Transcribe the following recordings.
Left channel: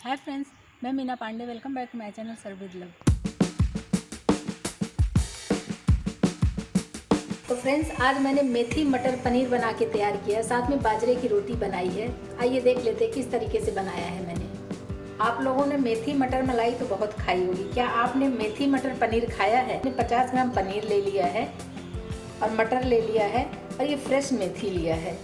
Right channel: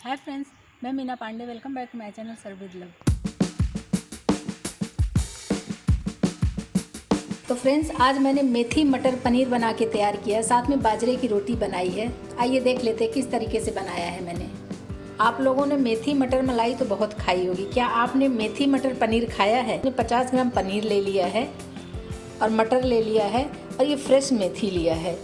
हाय friends, Meena मीना पांडे। Welcome back to my channel serve with love. तो फ्रेंड्स, आज मैंने मेथी मटर पनीर बना के तैयार किया है, साथ में बाजरे की रोटी बनाई है। आइए देख लेते हैं किस तरीके से बनाया है मैंने। आप लोगों ने मेथी मटर मलाई तो बहुत खाई होगी, क्या आपने मेथी मटर पनीर खाया है? मैंने 50 ग्राम पनीर ले लिया है और मटर ले लिया है और ये फ्रेश मेथी लिया है।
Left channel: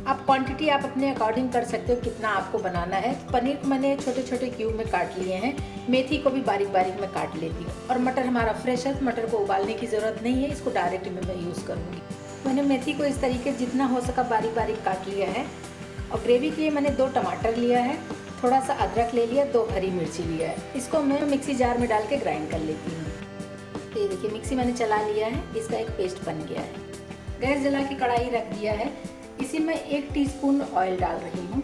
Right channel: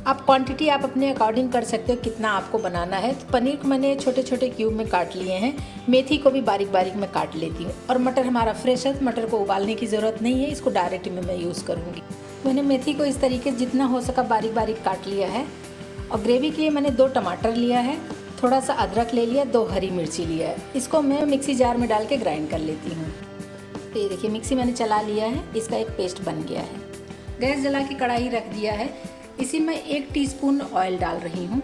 आप क्वांटिटी आप अपने अकॉर्डिंग कर सकते हो कितना आपको बनाना है। तो पनीर को मैंने छोटे छोटे क्यूब में काट लिए हैं, मेथी को भी बारीक बारीक में काट लेती हूँ। और मटर हमारा फ्रेश है, मटर को उबालने की ज़रूरत नहीं है, इसको डायरेक्ट में मैं यूज़ करूँगी। मैंने मेथी को इस तरीके जितना हो सका बारीक बारीक काट लिया है। और ग्रेवी के लिए मैंने 2 टमाटर लिया है, थोड़ा सा अदरक ले लिया, 2 हरी मिर्ची लिया है। इसको मैं मिक्सी जार में डाल के ग्राइंड कर लेती हूँ। तो ये देखिए मिक्सी मैंने चला लिया है, इसका एक पेस्ट बन गया है। गैस जला के कढ़ाई रख दिया है, इसी में 1 टीस्पून ऑयल डाल रही हूँ,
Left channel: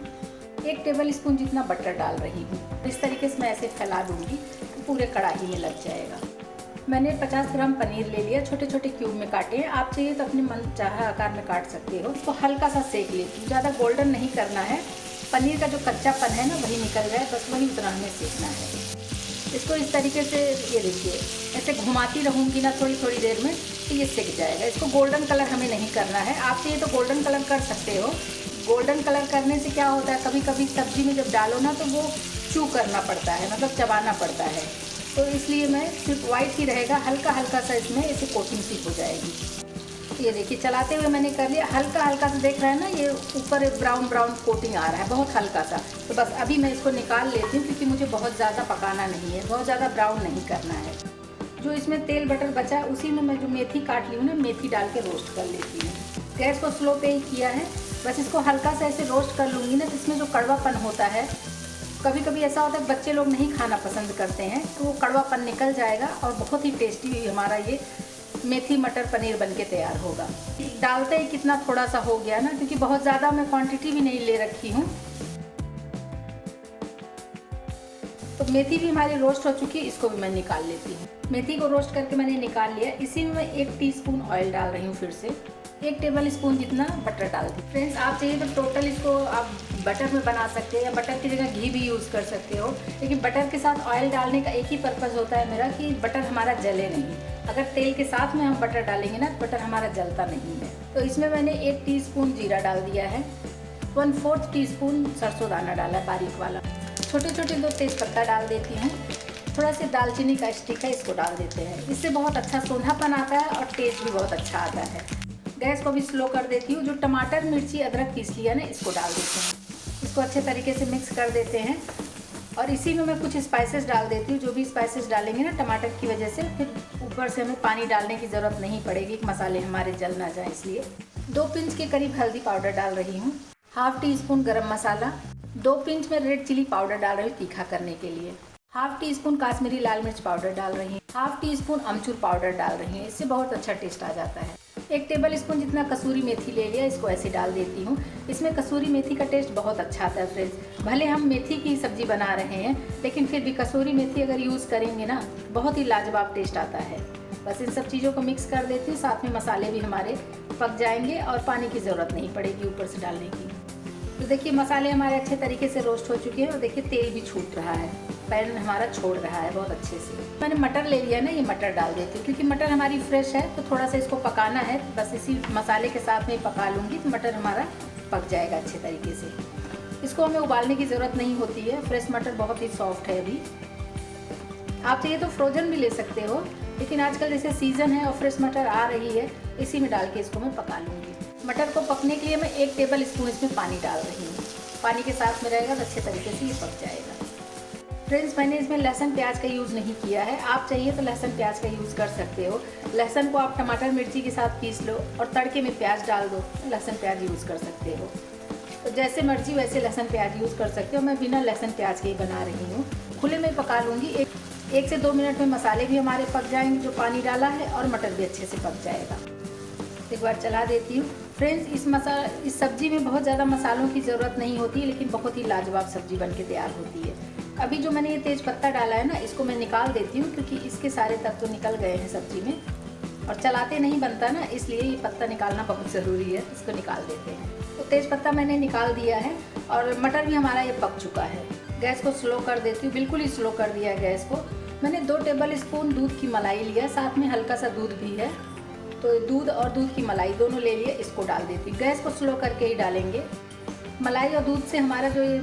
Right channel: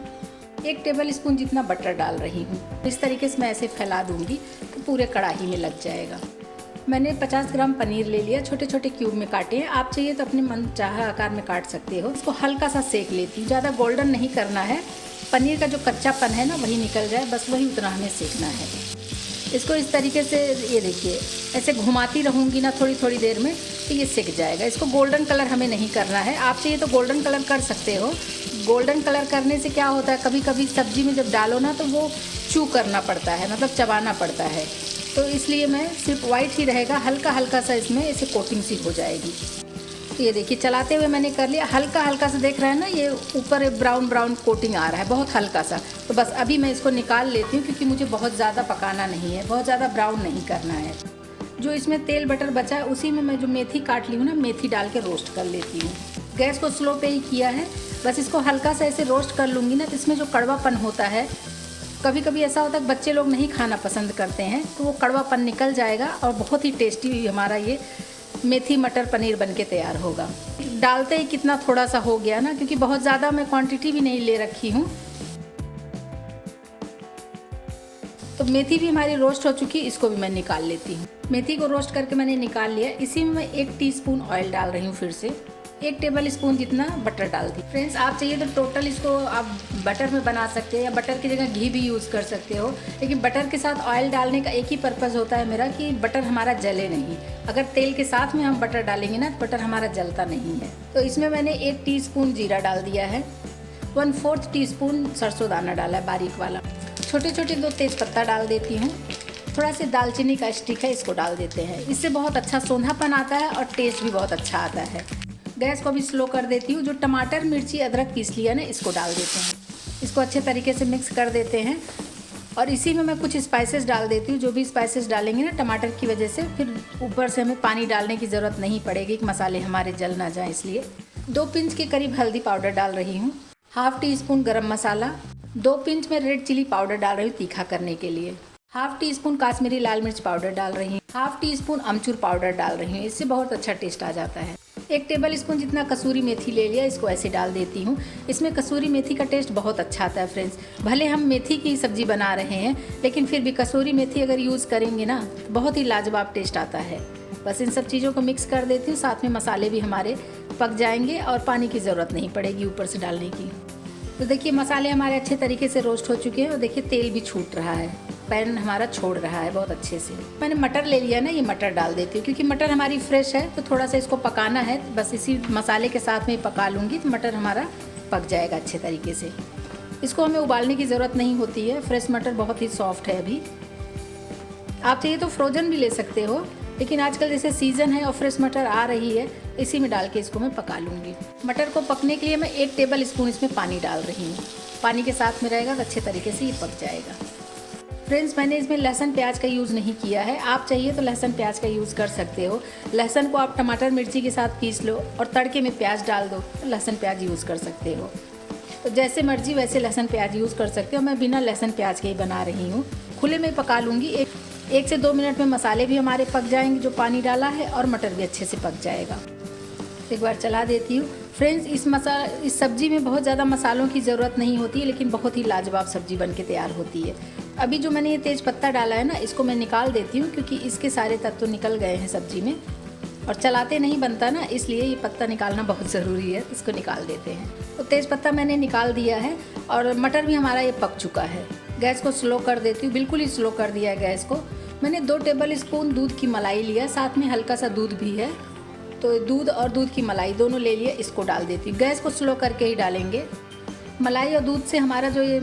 1 टेबल स्पून जितना बटर डाल रही हूँ। इस तरीके से मैं ऐसे फैला दूँगी तो पूरे कढ़ाई में लग जाएगा। मैंने 50 ग्राम पनीर ले लिया, छोटे छोटे क्यूब में काटे हैं। आप चाहिए तो अपने मन चाहा आकार में काट सकते हो। इसको हल्का सा सेक लेती हूँ, ज़्यादा गोल्डन नहीं करना है। पनीर का जो कच्चापन है ना वही निकल जाए, बस वही उतना हमें सेकना है। इसको इस तरीके से ये देखिए ऐसे घुमाती रहूँगी ना थोड़ी थोड़ी देर में तो ये सिक जाएगा। इसको गोल्डन कलर हमें नहीं करना है। आप चाहिए तो गोल्डन कलर कर सकते हो। गोल्डन कलर करने से क्या होता है, कभी कभी सब्जी में जब डालो ना तो वो चू करना पड़ता है, मतलब चबाना पड़ता है। तो इसलिए मैं सिर्फ वाइट ही रहेगा, हल्का हल्का सा इसमें ऐसे कोटिंग सी हो जाएगी। तो ये देखिए चलाते हुए मैंने कर लिया, हल्का हल्का सा देख रहे हैं ना, ये ऊपर ब्राउन ब्राउन कोटिंग आ रहा है, बहुत हल्का सा। तो बस अभी मैं इसको निकाल लेती हूँ क्योंकि मुझे बहुत ज़्यादा पकाना नहीं है, बहुत ज़्यादा ब्राउन नहीं करना है। जो इसमें तेल बटर बचा है उसी में मैं जो मेथी काट ली हूँ ना, मेथी डाल के रोस्ट कर लेती हूँ। गैस को स्लो पे ही किया है, बस इसको हल्का सा ऐसे रोस्ट कर लूँगी ना। इसमें जो कड़वापन होता है, कभी कभी ऐसा होता है बच्चे लोग नहीं खाना पसंद करते हैं, तो वो कड़वापन निकल जाएगा और बहुत ही टेस्टी हमारा ये मेथी मटर पनीर बनके तैयार होगा। डालते ही कितना थोड़ा सा हो गया ना, क्योंकि बहुत ज़्यादा मैं क्वांटिटी भी नहीं ले रखी हूँ। तो मेथी भी हमारी रोस्ट हो चुकी है, इसको भी मैं निकाल लेती हूँ। मेथी को रोस्ट करके मैंने निकाल लिया। इसी में मैं 1 टीस्पून ऑयल डाल रही हूँ, फिर से 1 टेबल स्पून जितना बटर डाल दी। फ्रेंड्स, आप चाहिए तो टोटल इसको आप बटर में बना सकते हैं या बटर की जगह घी भी यूज़ कर सकते हो। लेकिन बटर के साथ ऑयल डालने का एक ही पर्पज़ होता है मेरा कि बटर हमारा जले नहीं। अगर तेल के साथ में हम बटर डालेंगे ना तो बटर हमारा जलता नहीं है। तो इसमें मैंने 1 टीस्पून जीरा डाल दिया है, 1/4 टीस्पून सरसों दाना डाला है बारीक वाला, छोटे छोटे 2 तेज़पत्ता डाल देती हूँ। थोड़ा सी दालचीनी का स्टिक है, इसको डाल देते हैं। इससे बहुत अच्छा सोंधापन आता है और टेस्ट भी बहुत अच्छा आता है। गैस को भी स्लो कर देती हूँ। जो टमाटर मिर्ची अदरक पीस लिया ना, इसको डाल देते हैं। इसको अच्छे तरीके से मिक्स कर देते हैं और इसी में मैं कुछ स्पाइसेस डाल देती हूँ। जो भी स्पाइसेस डालेंगे ना टमाटर की वजह से, फिर ऊपर से हमें पानी डालने की ज़रूरत नहीं पड़ेगी कि मसाले हमारे जल ना जाए। इसलिए 2 पिंच के करीब हल्दी पाउडर डाल रही हूँ, 1/2 टीस्पून गरम मसाला, 2 पिंच में रेड चिली पाउडर डाल रही हूँ तीखा करने के लिए, 1/2 टीस्पून काश्मीरी लाल मिर्च पाउडर डाल रही हूँ, 1/2 टीस्पून अमचूर पाउडर डाल रही हूँ। इससे बहुत अच्छा टेस्ट आ जाता है। 1 टेबल स्पून जितना कसूरी मेथी ले लिया, इसको ऐसे डाल देती हूँ। इसमें कसूरी मेथी का टेस्ट बहुत अच्छा आता है फ्रेंड्स। भले हम मेथी की सब्जी बना रहे हैं, लेकिन फिर भी कसूरी मेथी अगर यूज़ करेंगे ना बहुत ही लाजवाब टेस्ट आता है। बस इन सब चीज़ों को मिक्स कर देती हूँ, साथ में मसाले भी हमारे पक जाएंगे और पानी की ज़रूरत नहीं पड़ेगी ऊपर से डालने की। तो देखिए मसाले हमारे अच्छे तरीके से रोस्ट हो चुके हैं और देखिए तेल भी छूट रहा है, पैन हमारा छोड़ रहा है बहुत अच्छे से। मैंने मटर ले लिया ना, ये मटर डाल देती हूँ क्योंकि मटर हमारी फ्रेश है, तो थोड़ा सा इसको पकाना है। बस इसी मसाले के साथ में पका लूँगी तो मटर हमारा पक जाएगा अच्छे तरीके से। इसको हमें उबालने की ज़रूरत नहीं होती है, फ्रेश मटर बहुत ही सॉफ्ट है अभी। आप चाहिए तो फ्रोजन भी ले सकते हो, लेकिन आजकल जैसे सीज़न है और फ्रेश मटर आ रही है, इसी में डाल के इसको मैं पका लूँगी। मटर को पकने के लिए मैं 1 टेबल स्पून इसमें पानी डाल रही हूँ। पानी के साथ में रहेगा तो अच्छे तरीके से ये पक जाएगा। फ्रेंड्स, मैंने इसमें लहसुन प्याज का यूज़ नहीं किया है। आप चाहिए तो लहसुन प्याज का यूज़ कर सकते हो। लहसुन को आप टमाटर मिर्ची के साथ पीस लो और तड़के में प्याज डाल दो, लहसुन प्याज यूज़ कर सकते हो। तो जैसे मर्जी वैसे लहसुन प्याज यूज़ कर सकते हो। मैं बिना लहसुन प्याज के ही बना रही हूँ। खुले में पका लूँगी। 1 से 2 मिनट में मसाले भी हमारे पक जाएंगे जो पानी डाला है, और मटर भी अच्छे से पक जाएगा। एक बार चला देती हूँ। फ्रेंड्स, इस सब्जी में बहुत ज़्यादा मसालों की ज़रूरत नहीं होती, लेकिन बहुत ही लाजवाब सब्जी बनके तैयार होती है। अभी जो मैंने ये तेज पत्ता डाला है ना, इसको मैं निकाल देती हूँ क्योंकि इसके सारे तत्व निकल गए हैं सब्जी में और चलाते नहीं बनता ना, इसलिए ये पत्ता निकालना बहुत ज़रूरी है। इसको निकाल देते हैं। तो तेज पत्ता मैंने निकाल दिया है और मटर भी हमारा ये पक चुका है। गैस को स्लो कर देती हूँ, बिल्कुल ही स्लो कर दिया है गैस को। मैंने 2 टेबल स्पून दूध की मलाई लिया, साथ में हल्का सा दूध भी है, तो दूध और दूध की मलाई दोनों ले लिए, इसको डाल देती हूँ। गैस को स्लो करके ही डालेंगे। मलाई और दूध से हमारा जो ये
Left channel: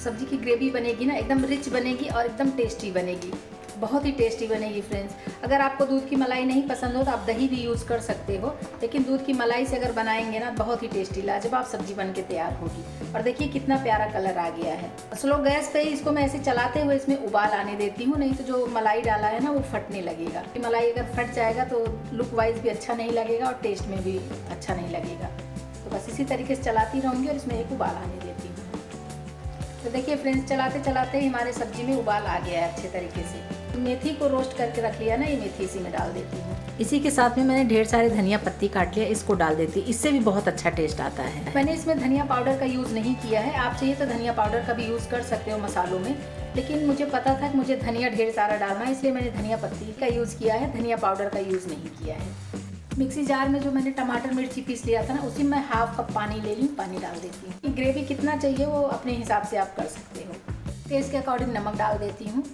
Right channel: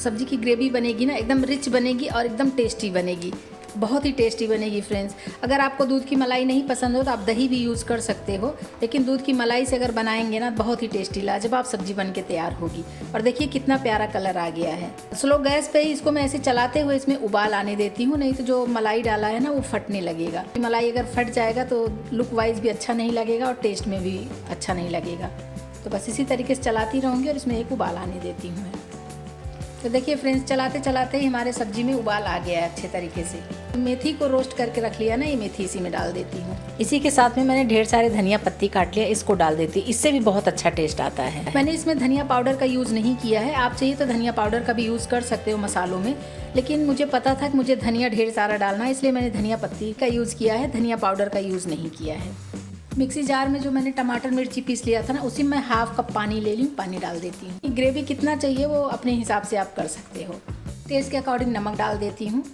सब्जी की ग्रेवी बनेगी ना, एकदम रिच बनेगी और एकदम टेस्टी बनेगी, बहुत ही टेस्टी बनेगी फ्रेंड्स। अगर आपको दूध की मलाई नहीं पसंद हो तो आप दही भी यूज़ कर सकते हो, लेकिन दूध की मलाई से अगर बनाएंगे ना बहुत ही टेस्टी लाजवाब सब्जी बन के तैयार होगी। और देखिए कितना प्यारा कलर आ गया है। स्लो गैस पे इसको मैं ऐसे चलाते हुए इसमें उबाल आने देती हूँ, नहीं तो जो मलाई डाला है ना वो फटने लगेगा। मलाई अगर फट जाएगा तो लुक वाइज भी अच्छा नहीं लगेगा और टेस्ट में भी अच्छा नहीं लगेगा। तो बस इसी तरीके से चलाती रहूँगी और इसमें एक उबाल आने देती हूँ। तो देखिए फ्रेंड्स, चलाते चलाते ही हमारे सब्जी में उबाल आ गया है अच्छे तरीके से। मेथी को रोस्ट करके रख लिया ना, ये मेथी इसी में डाल देती हूँ। इसी के साथ में मैंने ढेर सारे धनिया पत्ती काट लिया, इसको डाल देती, इससे भी बहुत अच्छा टेस्ट आता है। मैंने इसमें धनिया पाउडर का यूज़ नहीं किया है, आप चाहिए तो धनिया पाउडर का भी यूज़ कर सकते हो मसालों में, लेकिन मुझे पता था कि मुझे धनिया ढेर सारा डालना है, इसलिए मैंने धनिया पत्ती का यूज़ किया है, धनिया पाउडर का यूज़ नहीं किया है। मिक्सी जार में जो मैंने टमाटर मिर्ची पीस लिया था ना, उसी में हाफ कप पानी ले ली, पानी डाल देती हूँ। ग्रेवी कितना चाहिए वो अपने हिसाब से आप कर सकते हो। टेस्ट के अकॉर्डिंग नमक डाल देती हूँ।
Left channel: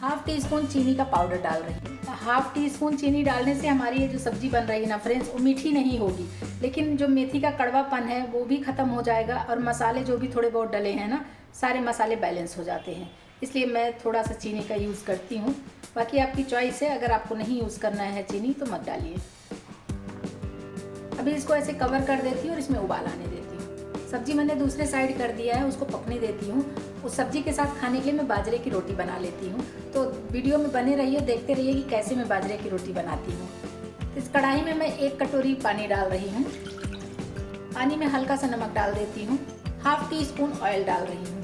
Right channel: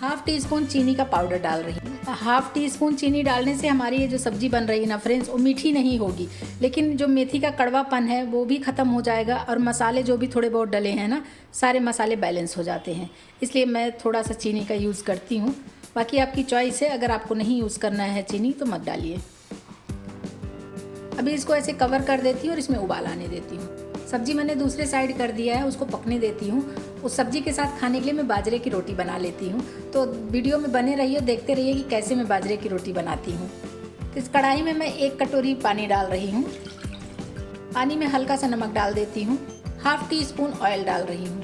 हाफ टी स्पून चीनी का पाउडर डाल रही हूँ। हाफ टी स्पून चीनी डालने से हमारी ये जो सब्जी बन रही है ना फ्रेंड्स, वो मीठी नहीं होगी, लेकिन जो मेथी का कड़वापन है वो भी ख़त्म हो जाएगा और मसाले जो भी थोड़े बहुत डले हैं ना, सारे मसाले बैलेंस हो जाते हैं, इसलिए मैं थोड़ा सा चीनी का यूज़ करती हूँ। बाकी आपकी चॉइस है, अगर आपको नहीं यूज़ करना है चीनी तो मत डालिए। अभी इसको ऐसे कवर कर देती हूँ और इसमें उबाल आने देती हूँ। सब्जी मैंने दूसरे साइड कर दिया है, उसको पकने देती हूँ। उस सब्जी के साथ खाने के लिए मैं बाजरे की रोटी बना लेती हूँ, तो वीडियो में बने रहिए, देखते रहिए कि कैसे मैं बाजरे की रोटी बनाती हूँ। तो इस कढ़ाई में मैं 1 कटोरी पानी डाल रही हूँ। पानी में हल्का सा नमक डाल देती हूँ, हाफ टी स्पून ऑयल डाल रही हूँ।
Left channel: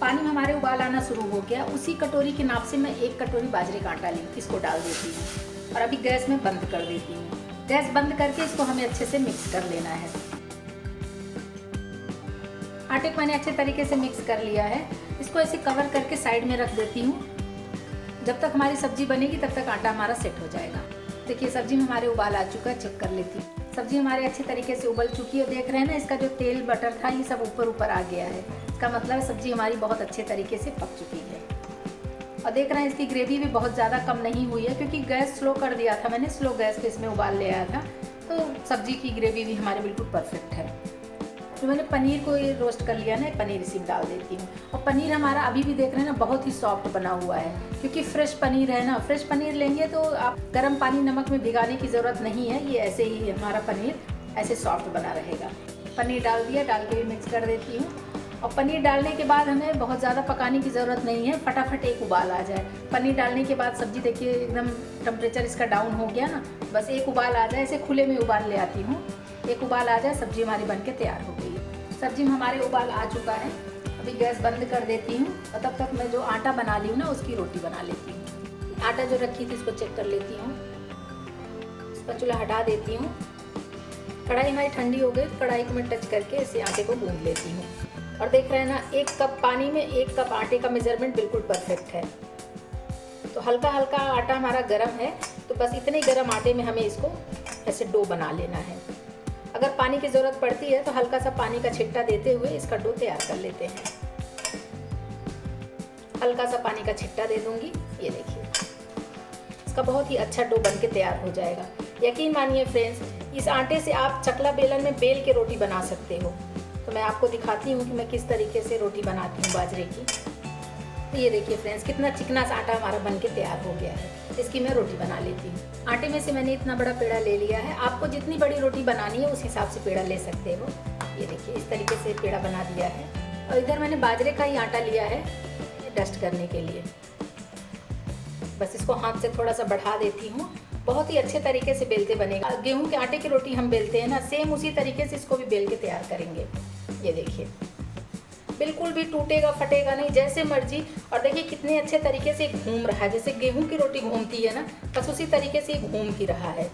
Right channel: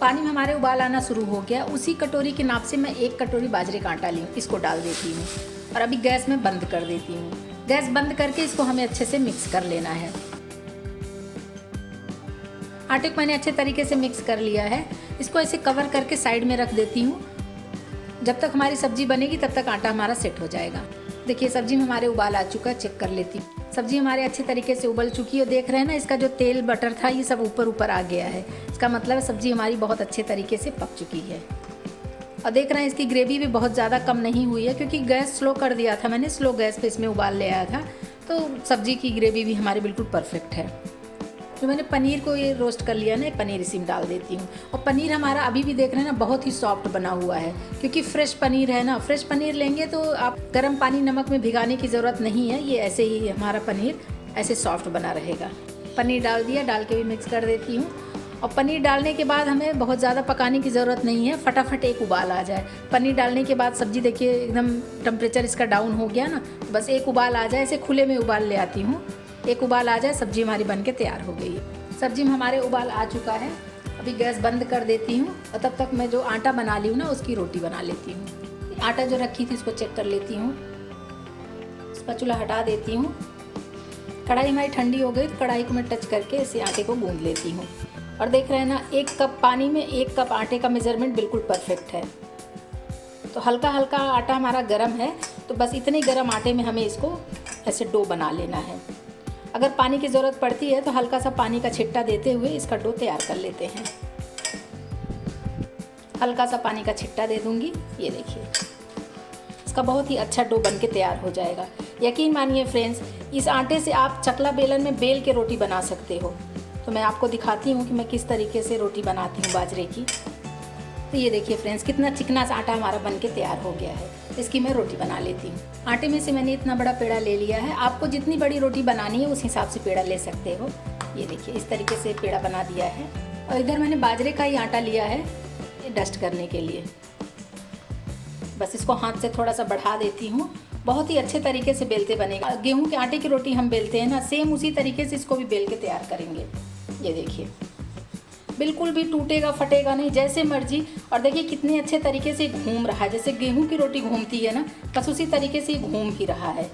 पानी में हमारे उबाल आना शुरू हो गया, उसी कटोरी के नाप से मैं 1 कटोरी बाजरे का आटा ली, इसको डाल देती हूँ और अभी गैस में बंद कर देती हूँ। गैस बंद करके इसको हमें अच्छे से मिक्स कर लेना है। आटे को मैंने अच्छे तरीके से मिक्स कर लिया है, इसको ऐसे कवर करके साइड में रख देती हूँ। जब तक हमारी सब्जी बनेगी तब तक आटा हमारा सेट हो जाएगा। देखिए सब्जी में हमारे उबाल आ चुका है, चेक कर लेती हूँ। सब्जी हमारे अच्छे तरीके से उबल चुकी है, देख रहे हैं ना, इसका जो तेल बटर था ये सब ऊपर ऊपर आ गया है, इसका मतलब सब्जी हमारी बहुत अच्छे तरीके से पक चुकी है। और देख रहे हैं इसकी ग्रेवी भी बहुत ज़्यादा कम नहीं हुई है, क्योंकि गैस स्लो कर दिया था मैंने, स्लो गैस पे इसमें उबाल ले आया था, तो सब्जी की ग्रेवी भी हमारी बिल्कुल परफेक्ट है। तो मैंने पनीर को ये रोस्ट कर लिया ना, पनीर इसी में डाल देती हूँ। और पनीर हमारा अभी भी देख रहे हैं ना बहुत ही सॉफ्ट बना हुआ है, क्योंकि फ्रेश पनीर है ना। फ्रेश पनीर लेंगे तो आप गर्म पानी नमक में भिगाने की ज़रूरत नहीं है, ये ऐसे ही हमारा पनीर ऐसे सॉफ्ट बना रहेगा। पनीर डाल दिया, डाल के भी मिक्स कर देती हूँ। और पनीर डालने के बाद हमें बहुत ज़्यादा पकाने की ज़रूरत नहीं है, फटाफट एक उबाल आ जाए। पनीर डालने के बाद सब्जी देखिए एकदम टेम्परेचर इसका डाउन हो गया ना, बस एक उबाल आ जाए, ऐसे खुले में उबाल ले आती हूँ, एक उबाल आ जाए, सब्जी हमारी बनके तैयार हो गई है। सब्जी में हमारे उबाल आ चुका है, अभी गैस बंद कर देती हूँ और तब तक मैं जो आटा बना ली हूँ ना उसकी रोटी बना लेती हूँ। आटा जो रखी थी इसको चेक कर लेती हूँ, स्पैचुला हटा देती हूँ। कढ़ाई हमारी ठंडी हो गई, कढ़ाई को मैं टच करके इसे आटे को गूंद लेती हूँ। और देख रहे हैं ना, 1 कप पानी में 1 कप आटे का मेजरमेंट बिल्कुल परफेक्ट है। तो हल्का हल्का आटा हमारा गर्म है, तो बस इतने गर्म आटे में हमें इसको ऐसे डो बना लेना है। अगर पानी की ज़रूरत पड़ती है तो हल्का सा पानी का छिट्टा देते हुए इसका डो तैयार कर लेते हैं। हल्का सा पानी का छिट्टा दे दूंगी, ये देखिए इसका बहुत ही अच्छा डो बन के तैयार हो जाएगा। यकीन मानिए फ्रेंड्स, इस आटे से आप चकला बेलन में बेल के रोटी बना सकते हो। तो मैं आपको दिखाती हूँ कि मैं किस तरीके से रोटी बनाती हूँ बाजरे की। तो ये देखिए फ्रेंड्स, कितना चिकना सा आटा हमारा बन के तैयार हो गया है। इसकी मैं रोटी बना लेती हूँ। आटे में से मैंने इतना बड़ा पेड़ा ले लिया है, आपको जितनी बड़ी रोटी बनानी है उस हिसाब से पेड़ा ले सकते हो। ये देखिए इस तरीके से पेड़ा बना दिया है। और इधर मैंने बाजरे का ही आटा लिया है डस्ट करने के लिए। बस इसको हाथ से थोड़ा सा बढ़ा देती हूँ, बहुत ही अच्छे तरीके से बेलते बनेगा। गेहूं के आटे की रोटी हम बेलते हैं ना, सेम उसी तरीके से इसको भी बेल के तैयार करेंगे। ये देखिए बिल्कुल भी टूटेगा फटेगा नहीं, जैसे मर्जी। और देखिए कितने अच्छे तरीके से घूम रहा है, जैसे गेहूं की रोटी घूमती है ना, बस उसी तरीके से घूम ही रहा है।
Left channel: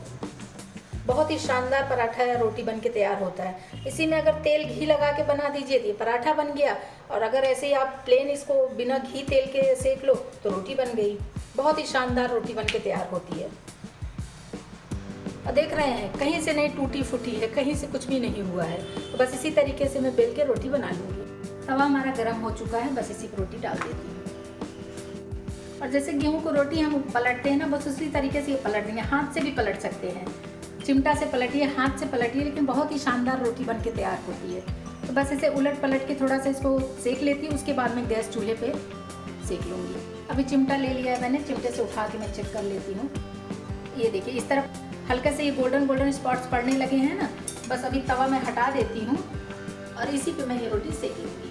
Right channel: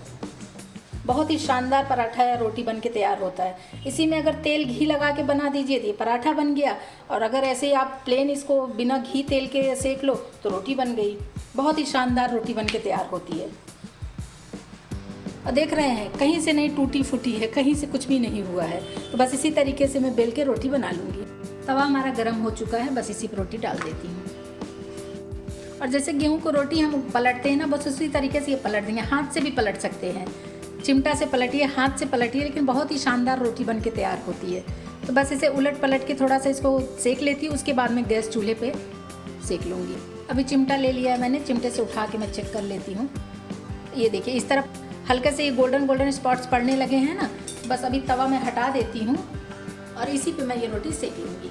बहुत ही शानदार पराठा या रोटी बन के तैयार होता है। इसी में अगर तेल घी लगा के बना दीजिए तो ये पराठा बन गया, और अगर ऐसे आप प्लेन इसको बिना घी तेल के सेक लो तो रोटी बन गई। बहुत ही शानदार रोटी बन के तैयार होती है। और देख रहे हैं कहीं से नहीं टूटी फूटी है, कहीं से कुछ भी नहीं हुआ है। तो बस इसी तरीके से मैं बेल के रोटी बना लूँगी। तवा हमारा गर्म हो चुका है, बस इसी पर रोटी डाल देती हूँ। और जैसे गेहूं को रोटी हम पलटते हैं ना, बस उसी तरीके से ये पलट देंगे। हाथ से भी पलट सकते हैं, चिमटा से पलटिए, हाथ से पलटिए, लेकिन बहुत ही शानदार रोटी बन के तैयार होती है। तो बस इसे उलट पलट के थोड़ा सा इसको सेक लेती हूँ, उसके बाद में गैस चूल्हे पे सेक लूँगी। अभी चिमटा ले लिया है मैंने, चिमटे से उठा के मैं चेक कर लेती हूँ। ये देखिए इस तरफ हल्के से ये गोल्डन गोल्डन स्पॉट्स पड़ने लगे हैं ना, बस अभी तवा मैं हटा देती हूँ और इसी पे मैं ये रोटी सेक लूँगी।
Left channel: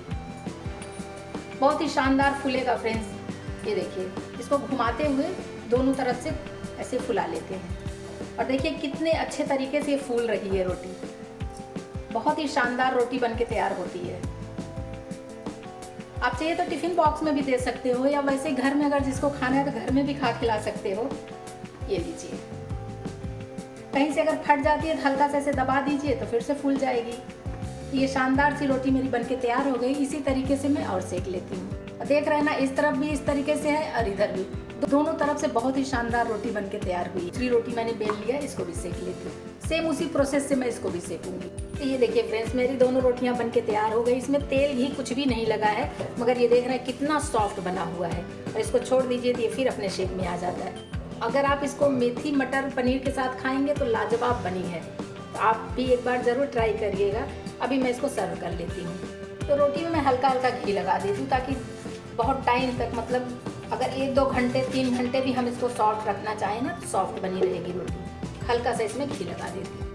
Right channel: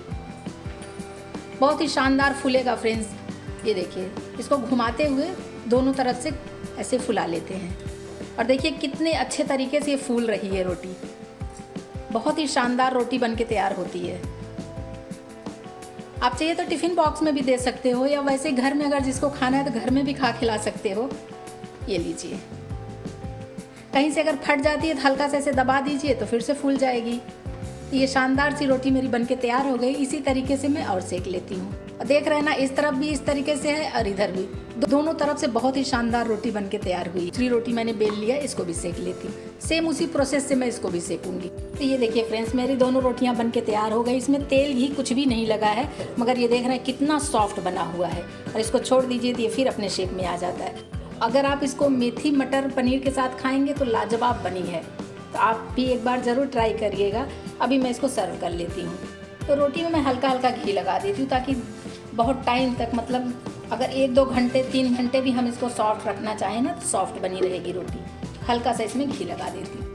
बहुत ही शानदार फूलेगा फ्रेंड्स। ये देखिए, इसको घुमाते हुए दोनों तरफ से ऐसे फुला लेते हैं और देखिए कितने अच्छे तरीके से ये फूल रही है रोटी। बहुत ही शानदार रोटी बन के तैयार होती है। आप चाहिए तो टिफ़िन बॉक्स में भी दे सकते हो, या वैसे घर में अगर जिसको खाना है तो घर में भी खा खिला सकते हो। ये लीजिए, कहीं से अगर फट जाती है तो हल्का से ऐसे दबा दीजिए तो फिर से फूल जाएगी। ये शानदार सी रोटी मेरी बनके तैयार हो गई। इसी तरीके से मैं और सेक लेती हूँ। देख रहे हैं ना, इस तरफ भी इस तरीके से है और इधर भी, दोनों तरफ से बहुत ही शानदार रोटी बनके तैयार हुई। दूसरी रोटी मैंने बेल लिया, इसको भी सेक लेती हूँ। सेम उसी प्रोसेस से मैं इसको भी सेकूंगी। तो ये देखिए फ्रेंड्स, मेरी दोनों रोटियां बनके तैयार हो गई। इसमें तेल घी कुछ भी नहीं लगा है, मगर ये देख रहे हैं कितना सॉफ्ट बना हुआ है। और इसको छोड़ दीजिए तो ये फिर अपने शेप में आ जाता है। अगर आप इसको मेथी मटर पनीर के साथ खाएंगे तो लाजवाब बनी है। तो आप भी एक बार ज़रूर ट्राई करिएगा। अभी मैं इसको सर्व कर लेती हूँ। तो रोटी में मैं हल्का हल्का घी लगा देती हूँ, ताकि बहुत टाइम तक, मतलब अगर 1-2 घंटे 3 घंटे भी हम इसको सॉफ्ट रखना चाहें ना, तो सॉफ्ट बनी रहेगी रोटी। हल्का सा इसमें घी लगा देती हूँ।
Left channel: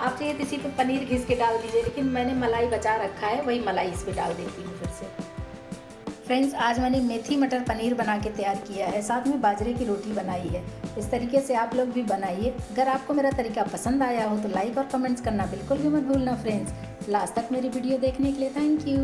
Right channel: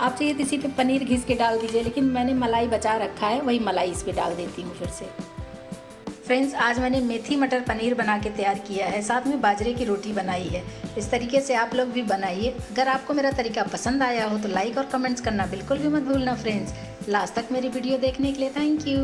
आप चाहिए तो इसी पे पनीर घिस के डाल दीजिए, लेकिन मैंने मलाई बचा रखा है, वही मलाई इस पर डाल देती हूँ फिर से। फ्रेंड्स, आज मैंने मेथी मटर पनीर बना के तैयार किया है, साथ में बाजरे की रोटी बनाई है। इस तरीके से आप लोग भी बनाइए। अगर आपको मेरा तरीका पसंद आया हो तो लाइक और कमेंट्स करना बिल्कुल भी मत भूलना फ्रेंड्स। लास्ट तक मेरी वीडियो देखने के लिए थैंक यू।